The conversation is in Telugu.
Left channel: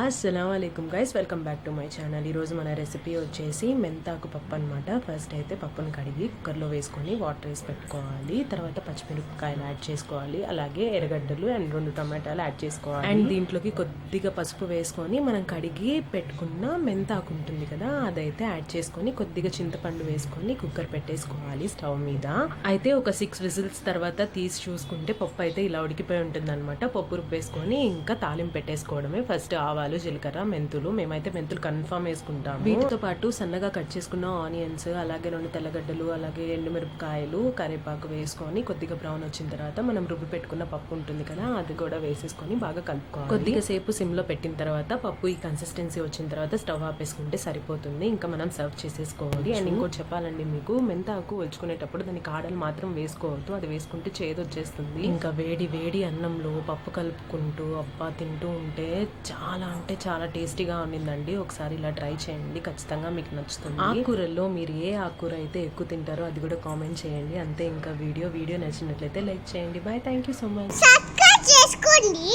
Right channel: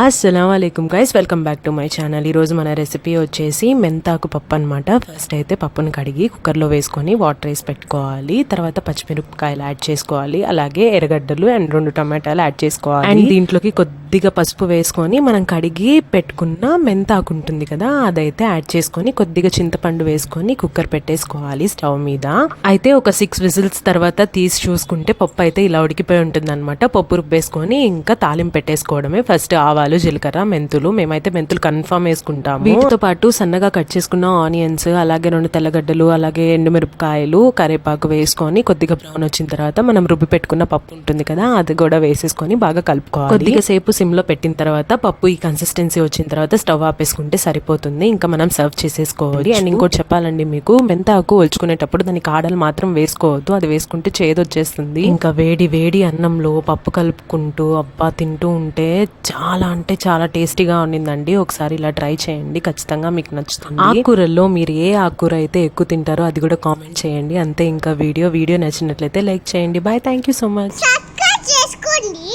అస్సలం guys welcome back to my channel ఈరోజు మన రెసిపీ వచ్చేసి మెంతాకు పప్పు అనమాట ఫస్ట్ అయితే పప్పును కడిగి కుక్కర్లో వేసుకొని వాటర్ వేసి పెట్టుకోవాలి. తర్వాత పచ్చిమిరపకాయలు యాడ్ చేసుకోవాలి. అలాగే ఎర్రగడ్డలు అండ్ రెండు టమాటాలు యాడ్ చేసుకోవాలి. అండ్ దీంట్లోకి కొద్దిగా పసుపు వేసుకొని మనం కడిగి పెట్టుకున్న మెంతాకు ఉంటుంది కదా అదైతే యాడ్ చేసుకొని కొద్దిగా చింతపండు వేసుకొని కుక్కర్ పెట్టేసుకోవాలి స్టవ్ మీద. అయితే ఒక సిక్స్ విజిల్స్ తర్వాత తీసి చూసుకుంటే పప్పు అయితే ఇలా ఉడికిపోయి ఉంటుంది అనమాట పప్పు రుబ్బేసుకొని ఇంకా తాలింపు పెట్టేసుకోవడమే ఫస్ట్ ఆవాలు జీలకర్ర మెంతులు. మేమైతే మెంతులు కన్ఫర్మ్ వేసుకుంటాము. వీటితో పాటు సన్నగా కట్ చేసుకున్న ఆనియన్స్ అలాగే రెండు తెల్లగడ్డలు అలాగే ఎండుమిరపకాయలు కరివేపాకు వేసుకొని కొద్దిగా బ్రౌన్ వచ్చిన తర్వాత మనం రుబ్బి పెట్టుకున్న పప్పు ఉంటుంది కదా అది కూడా వేసేసుకొని బాగా కలుపుకోవాలి. కొద్దిగా సేపు సిమ్లో పెట్టిన తర్వాత పప్పు ఈ కన్సిస్టెన్సీ వచ్చిన తర్వాత స్టవ్ ఆపేసుకుంటే సరిపోతుంది. ఇంకా మనం సర్వ్ చేసేసుకోవాలి. అండ్ ఇంకోటి చెప్పాలండి మీకు మెంతాకు ఒలుచుకునేటప్పుడు దాని కాడలు మాత్రం వేసుకోవద్దు. అది వేసుకుంటే చేదు వచ్చేస్తుంది. ఇంకా వేడి వేడి అన్నంలో పప్పు కలుపుకుంటూ అబ్బా తింటూ ఉంటే చాలా అంటే చాలా టేస్టీగా ఉండిందండి. ఒకసారి ఇలా ట్రై చేయండి. ఖచ్చితంగా మీకు నచ్చుతుంది. ఆకుకూరల్లో మీరు ఏ ఆకుకూర అయితే ఎక్కువ తింటారో అది కూడా కామెంట్ చేయండి. అంతే ఇంకా వీడియో వీడియో నచ్చినట్లయితే లైక్ చేయండి. Bye thank you so much subscribe చేసుకోండి.